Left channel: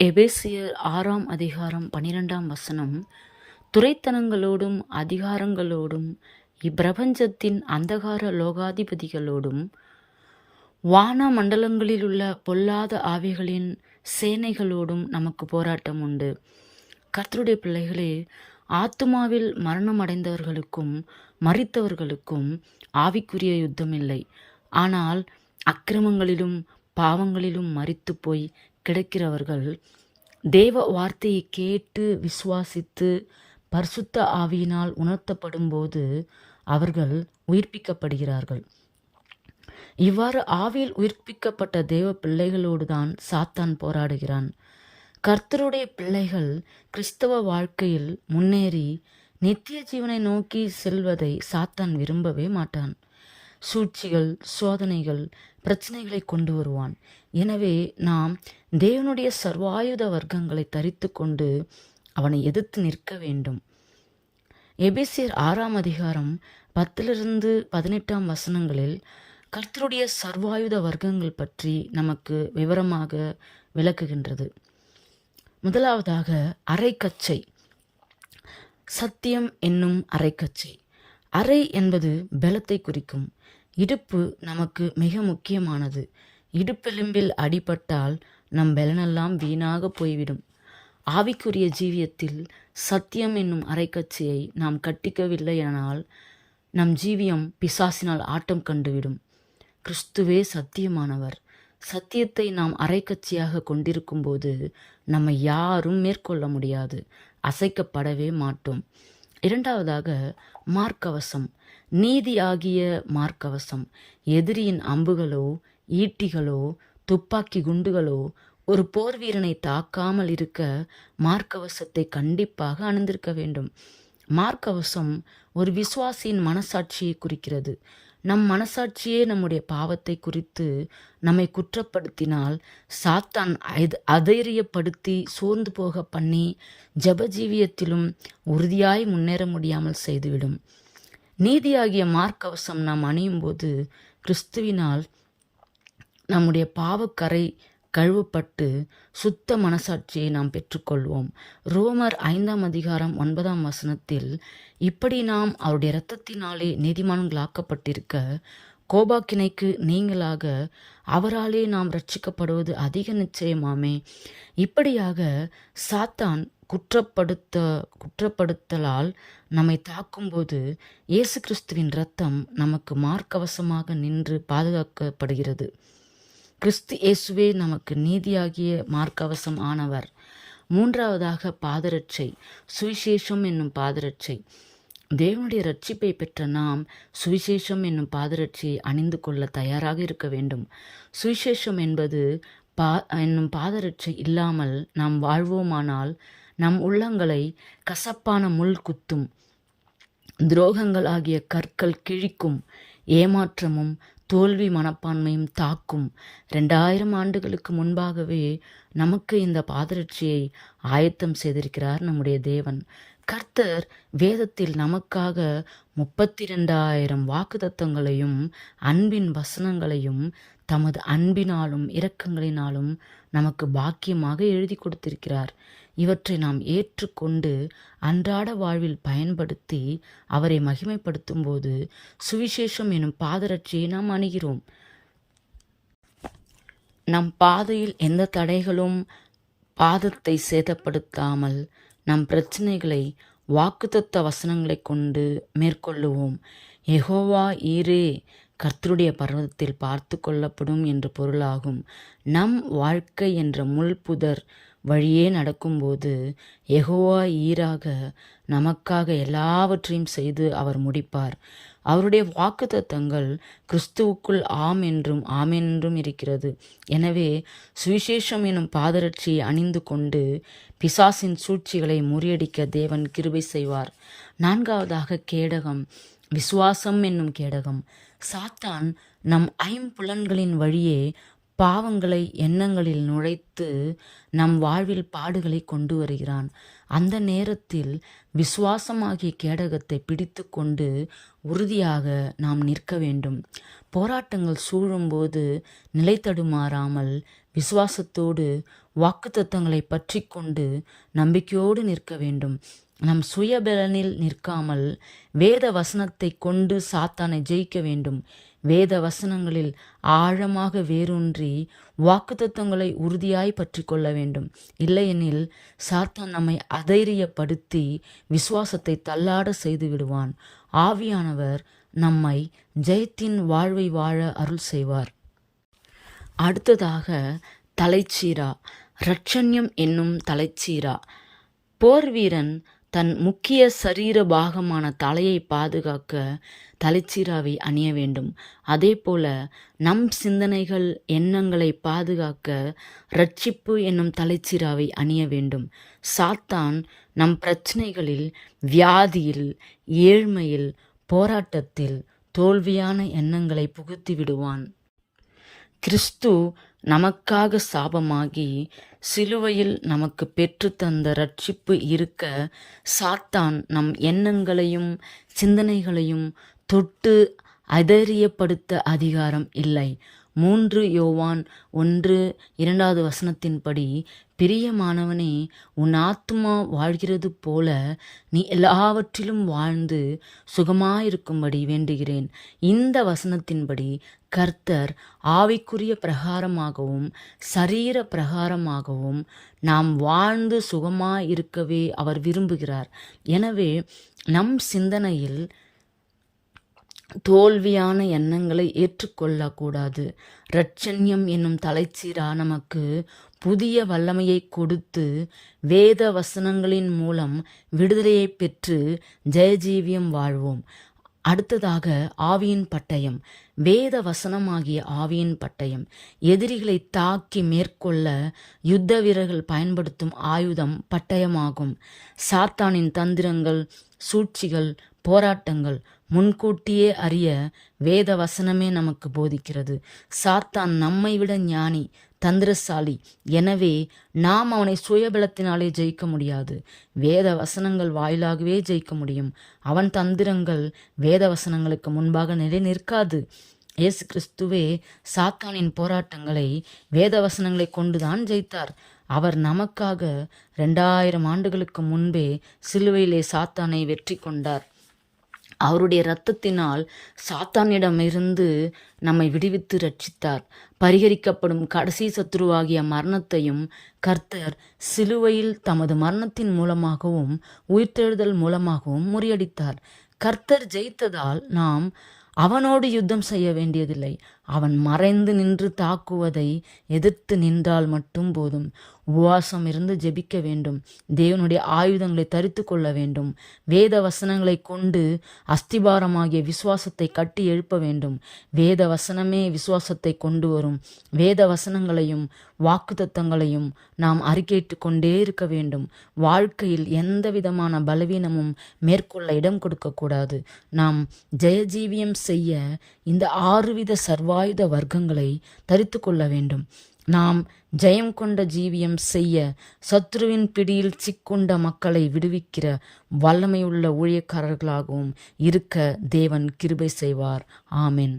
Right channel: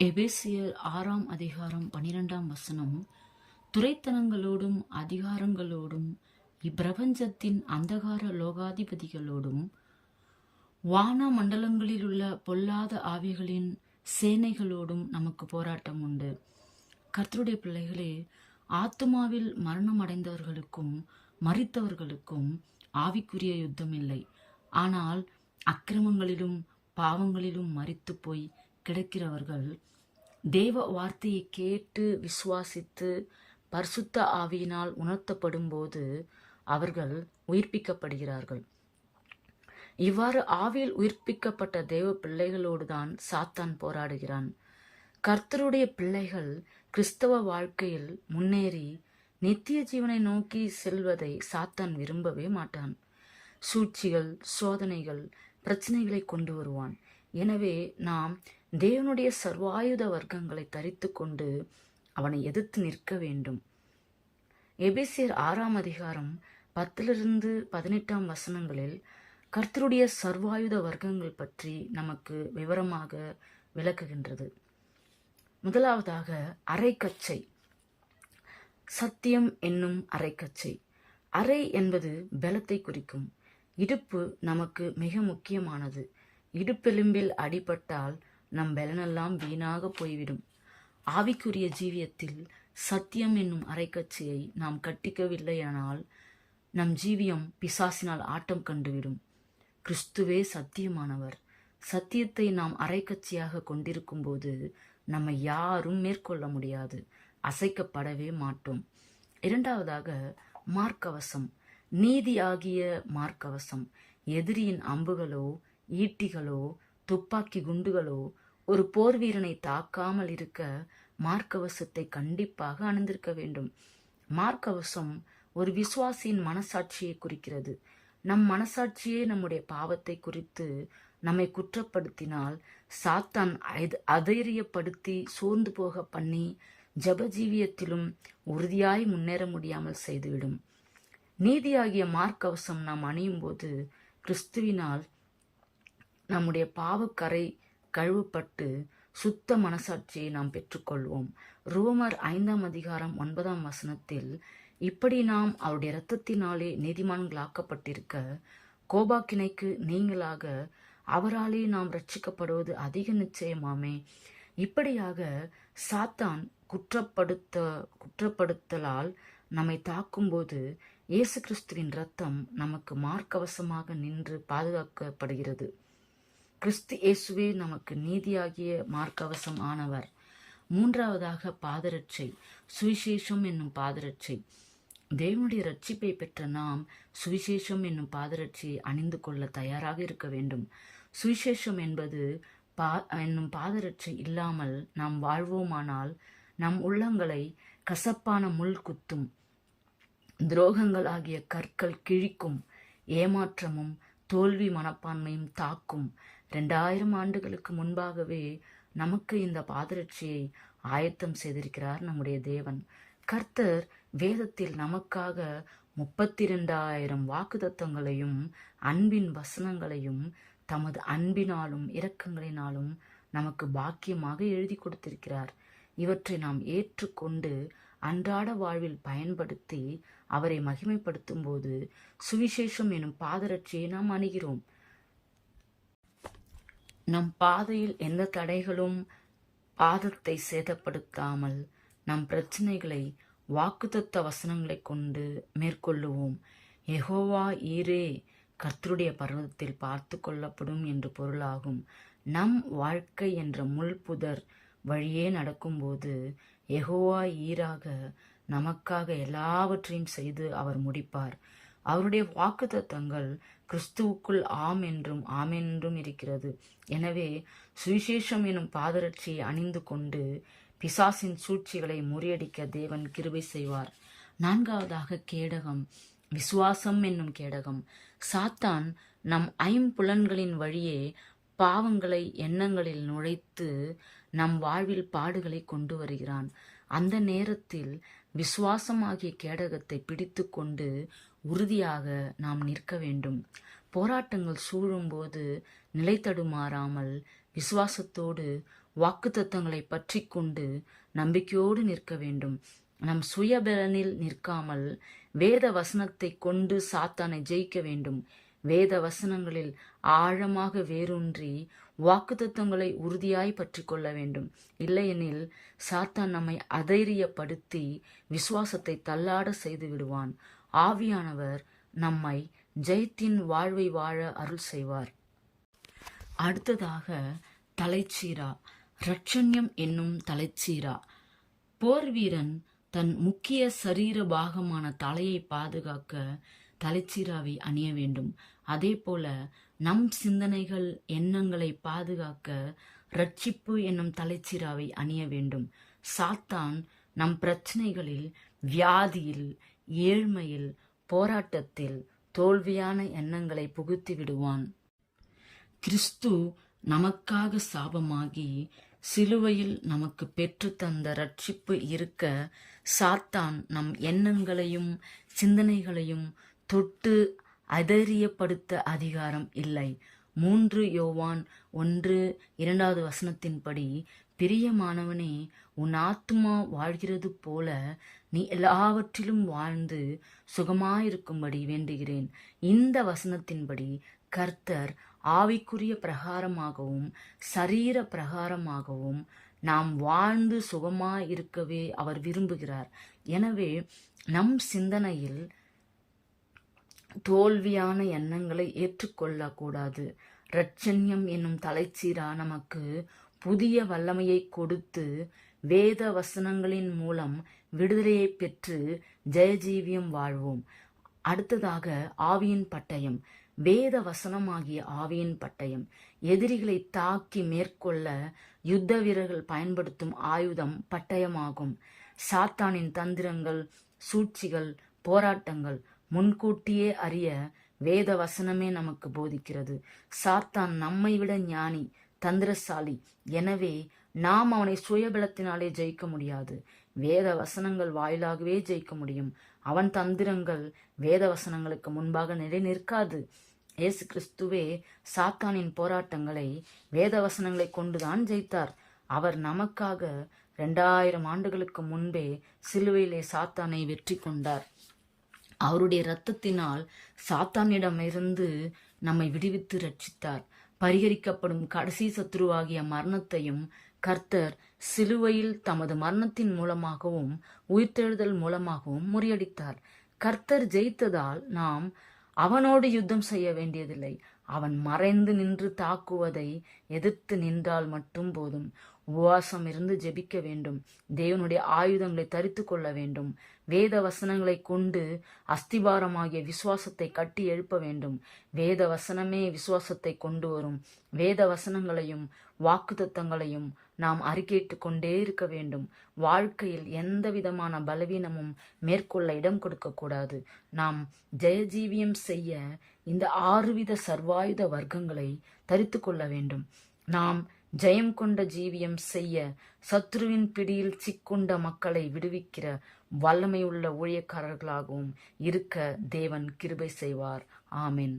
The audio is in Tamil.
எபேசியர் 6ஆம் அதிகாரம் 12ஆம் வசனம். துரைத்தனங்களோடும் அதிகாரங்களோடும் இப்பிரபஞ்சத்தின் அந்தகார லோகாதிபதிகளோடும் வான மண்டலங்களிலுள்ள பொல்லாத ஆவிகளின் சேனைகளோடும் நமக்கு போராட்டம் உண்டு. கர்த்தருடைய பிள்ளைகளே, ஆத்துமாவில் மரணமடைந்தவர்களுக்கும் மரித்தவர்களுக்கும் ஆவிக்குரிய யுத்தம் இல்லை. ஆனால் அக்கிரமங்களிலும் பாவங்களிலும் மரித்து போய் கிடக்கிறவர்கள் தேவ வார்த்தையை கேட்டு விசுவாசித்து பரிசுத்த ஆவியினால் உணர்த்தப்படும் போது அவர்கள் உயிர்ப்பிக்கப்படுகிறார்கள். இவ்வாறு ஆவியில் உயிர்ப்பிக்கப்பட்ட தேவ பிள்ளைகளோடு தான் சாத்தான் போராடுகிறான். கர்த்தருடைய பிள்ளைகள் கிறிஸ்தவ வாழ்க்கையில் முன்னேறி நித்திய ஜீவனை நோக்கி செல்வதை சாத்தான் விரும்பவே மாட்டான். சூழ்ச்சிகள், சோதனைகள், பிரச்சனைகளை கொண்டு வருவான். எனவே நாம் தேவனுடைய சர்வாயுத வர்க்கங்களை தரித்து கொண்டு அவனை எதிர்த்து நிற்க வேண்டும். எபேசியர் 6ஆம் அதிகாரம் 10-18 வசனங்களில் கர்த்தருடைய சர்வாயுத வர்க்கங்கள் பற்றி நமக்கு விவரமாக விளக்குகின்றது. முதலாவதாக அரைக்கச்சை. சத்தியம் என்னும் அரைக்கச்சை. அரை என்பது பலத்தை குறிக்கும். இடுப்பு நமக்கு மிக முக்கியமானது. இடுப்பெலும்பில் அடிபட்டால் நம் பலனெல்லாம் வீணாக போய்விடும். ஆவிக்குரிய ஜீவியத்தில் சத்தியம் என்னும் அரைக்கச்சையை நாம் கட்டிக்கவில்லை எனால் நம் ஜீவியம் பிசாசினால் ஆட்டம் கண்டுவிடும். கிறிஸ்துவே சத்தியமானவர். சத்தியத்தை நாம் அரைக்கச்சையாக கொண்டிருக்கும் போது நம்மை யாரும் மேற்கொள்ள முடியாது, அசைக்கப்படவே மாட்டோம். இரண்டாவதாக மார்க்கவசம். நீதி ஆகிய மார்க்கவசம். எதிரியின் அம்புகளோ ஈட்டிகளோ துப்பாக்கி குண்டுகளோ ஒரு போர் வீரனை தாக்காமல் இருக்க மார்க்கவசத்தை கண்டிப்பாக அணிந்திருக்க வேண்டும். மார்க்கவசம் ஒரு விசுவாசியின் மனசாட்சியை குறிக்கிறது. நம் மனசாட்சியே நம்முடைய பாவத்தை குறித்து நம்மை குற்றப்படுத்தினால் சாத்தான் அதைரியப்படுத்தி சோர்ந்து போக பண்ணி ஜபஜீவியத்திலும் உறுதியாய் முன்னேற முடியாமல் செய்துவிடும். நீதியாகிய மார்க்கவசம் நாம் அணியும் போது கிறிஸ்துவினால் நம்முடைய பாவக்கரை கழுவப்பட்டு சுத்த மனசாட்சியை நாம் பெற்றுக்கொள்வோம். ரோமர் 5ஆம் அதிகாரம் 9ஆம் வசனத்தில், இப்படி நாம் அவருடைய இரத்தத்தினாலே நீதிமான்களாக்கப்பட்டிருக்க கோபாக்கினைக்கு நீங்களாக அவராலே நாம் ரட்சிக்கப்படுவது அதிக நிச்சயமாமே. இப்படியாக சாத்தான் குற்றப்படுத்தலால் நம்மை தாக்கும்போது இயேசு கிறிஸ்துவின் இரத்தம் நமக்கு மார்க்கவசமாக நின்று பாதுகாக்கப்படுகிறது. கிறிஸ்து இயேசுவே நமக்கு நீதியாகிய மார்க்கவசம் ஆனவர். மூன்றாவதாக பாதரட்சை. சுவிசேஷம் என்னும் பாதரட்சை. தேவனுடைய ரட்சிப்பை பெற்ற நாம் சுவிசேஷம் என்னும் பாதரட்சியை அணிந்து கொள்ள தயாராக இருக்க வேண்டும். சுவிசேஷம் என்னும் பாதரட்சை இல்லாமல் நாம் வாழ்வோமானால் நம் உள்ளங்களை கசப்பான முள் குத்தும், துரோகங்கள் ஆகிய கற்கள் கிழிக்கும், ஏமாற்றமும் தோல்வி மனப்பான்மையும் தாக்கும். 2000 ஆண்டுகளுக்கு முன்பாகவே நமக்கு இந்த பாதரட்சியை ஆயத்தம் செய்திருக்கிறார் நம்முடைய தேவன். கர்த்தர் வேதத்தில் நமக்காக 32,000 வாக்குத்தத்தங்களையும் அன்பின் வசனங்களையும் தமது அன்பினாலும் இரக்கங்களினாலும் நமக்கு பாக்கியமாக எழுதி கொடுத்திருக்கிறார். இவற்றை நாம் ஏற்றுக்கொண்டு அன்றாட வாழ்வில் பயன்படுத்தி அவரை மகிமைப்படுத்தும் போது சுவிசேஷம் எனும் பாதரட்சியை நாம் அணுகிறோம். நம் பாதையில் எந்த தடைகளும் பாதத்தை சேதப்படுத்தாமல் நம் பிரச்சனைகளை வாக்குத்தத்த வசனங்களை கொண்டு மேற்கொள்ளுவோம். யெகோவா ஈரே கர்த்தருடைய பர்வதத்தில் பார்த்து கொள்ளப்படும் என்று பொருளாகும். நம் வாழ்க்கை என்ற முள்புதர் வழியே நடக்கும்போது யெகோவா ஈராக நமக்காக எல்லாவற்றையும் செய்து அவர் முடிப்பார். அவருடைய வாக்குத்தத்தங்கள் கிறிஸ்துவுக்குள் ஆம் என்றும் ஆமென் என்றும் இருக்கிறது. எனவே சுவிசேஷம் எனும் பாதரட்சியை அணிந்து கொண்டு பிசாசின் சூழ்ச்சிகளை முறியடிக்க தேவன் கிருபை செய்வார். நான்காவதாக கேடகம். விசுவாசம் என்னும் கேடகம். சாத்தான் நம் ஐம்புலன்களின் வழியே பாவங்களை எண்ணங்களில் நுழைத்து நம் வாழ்வில் பாடுகளை கொண்டு வருகிறான். அந்த நேரத்தில் விசுவாசமாகிய கேடகத்தை பிடித்து கொண்டு உறுதியாக நாம் நிற்க வேண்டும். போராட்டங்கள் சூழும்போது நிலை தடுமாறாமல் விசுவாசத்தோடு வாக்குத்தத்தங்களை பற்றி கொண்டு நம்பிக்கையோடு நிற்க வேண்டும். நம் சுயபலனில் நிற்காமல் வேத வசனத்தை கொண்டு சாத்தானை ஜெயிக்க வேண்டும். வேத வசனங்களில் ஆழமாக வேரூன்றி வாக்குத்தத்தங்களை உறுதியாய் பற்றி கொள்ள வேண்டும். இல்லையெனில் சாத்தான் நம்மை அதைரியப்படுத்தி விசுவாசத்தை தள்ளாட செய்து விடுவான். ஆவியானவர் நம்மை ஜெயத்தின் வாழ்வை வாழ அருள் செய்வார். அடுத்ததாக தலைச்சீரா, இரட்சண்யம் என்னும் தலைச்சீரா. போர் வீரன் தன் முக்கிய சரீர பாகமான தலையை பாதுகாக்க தலைச்சீராவை அணிய வேண்டும். அதே போல நம் சிந்தனைகள் எண்ணங்களை பாதுகாக்க இரட்சிப்பு என்னும் தலைச்சீராவை அணிய வேண்டும். சாத்தான் நம் பிரச்சனைகளில், வியாதியில், ஏழ்மையில், போராட்டத்தில் தோல்வியான எண்ணங்களை புகுத்தி விடுவான். கிறிஸ்து நமக்காக சாபமாகி சிலுவையில் நமக்கு பெற்று தந்த ரட்சிப்பு இருக்க சாத்தான் நம் எண்ணங்களையும் சிந்தனைகளையும் தொட்டு அதைரியப்படுத்த அதிகாரம் இல்லை. 3 யோவான் 1:2 பிரியமானவனே, உன் ஆத்துமா வாழ்கிறது போல நீ எல்லாவற்றிலும் வாழ்ந்து சுகமாயிருக்கும்படி வேண்டுகிறேன். இந்த வசனத்தின்படி கர்த்தர் ஆவிக்குரிய பிரகாரமாகவும் சரீர பிரகாரமாகவும் நாம் வாழ்ந்து சுகமாயிருக்கவே அவர் விரும்புகிறார். எனவே நம் சிந்தனையில் தோல்வியான எண்ணங்களை ஏற்றுக்கொள்ளக்கூடாது. இரட்சண்யம் என்னும் தலைச்சீரா நமக்கு புதிய வல்லமையை கொடுத்து வேத வசனங்களின் மூலம் விடுதலையை பெற்று ஜெயஜீவியம் வாழ்வோம். அடுத்ததாக ஆவியின் பட்டயம். வேத வசனமாகிய ஆவியின் பட்டயம் எதிரிகளை தாக்கி மேற்கொள்ள யுத்த வீரர்கள் பயன்படுத்தும் ஆயுதம் பட்டயமாகும். சாத்தானின் தந்திரங்கள், சூழ்ச்சிகள், போராட்டங்கள் முன்கூட்டியே அறிய வேத வசனமே நமக்கு போதிக்கிறது. சாத்தான் நம்மை விட ஞானி, தந்திரசாலி. எனவே நாம் அவனை சுயபலத்தினாலே ஜெயிக்க முடியாது. வேத வசனங்கள் வாயிலாகவே ஜெயிக்க முடியும். அவன் தந்திரங்கள் வேத வசனங்களுக்கு முன்பாக நிலை நிற்காது. இயேசு கிறிஸ்துவே சாத்தானின் போராட்டங்களை வேத வசனங்களை கொண்டுதான் ஜெயித்தார். அவர் நமக்காக 2000 ஆண்டுகளுக்கு முன்பே சிலுவையிலே சாத்தானை வெற்றி கொண்டார். அவருடைய இரத்தத்தினால் சாத்தானிடமிருந்து நம்மை விடுவித்து ரட்சித்தார். பரிகரிக்கப்படும் கடைசி சத்துருவாகிய மரணத்தையும் கர்த்தர் சிலுவையில் தமது மரணத்தின் மூலமாகவும் உயிர்த்தெழுதல் மூலமாகவும் முறியடித்தார். கர்த்தர் ஜெயித்ததால் நாம் அவனோடு யுத்தம் செய்ய வேண்டியதில்லை. அவன் மறைந்து நின்று தாக்குவதை எதிர்த்து நின்றால் மட்டும் போதும். உபவாசம் இருந்து ஜெபிக்க வேண்டும். தேவனுடைய ஆயுதங்களை தரித்து கொள்ள வேண்டும். வேத வசனங்களை கொண்டு அஸ்திபாரமாகிய விசுவாசத்தை கட்டி எழுப்ப வேண்டும். வேத வசனமே விசுவாசத்தை கொண்டு வரும். வேத வசனங்களையும் வாக்குத்தத்தங்களையும் நாம் அறிக்கையிட்டு கொண்டே இருக்க வேண்டும். வாழ்க்கையில் எந்த விதமான பலவீனமும் மேற்கொள்ள இடம் கொடுக்கக்கூடாது. நாம் ஜெயஜீவியம் செய்ய இந்த 6 வித சர்வாயுத வர்க்கங்களை தரித்து கொள்ள வேண்டும். நாம் ஜெயம் கொண்ட ஜீவியம் செய்ய சத்ருவின் பிடியில் சிக்குண்ட மக்களை விடுவிக்கிற வல்லமையுள்ள ஊழியக்காரர்களாகவும் இருக்க தேவன் கிருபை செய்வார். ஆமென்.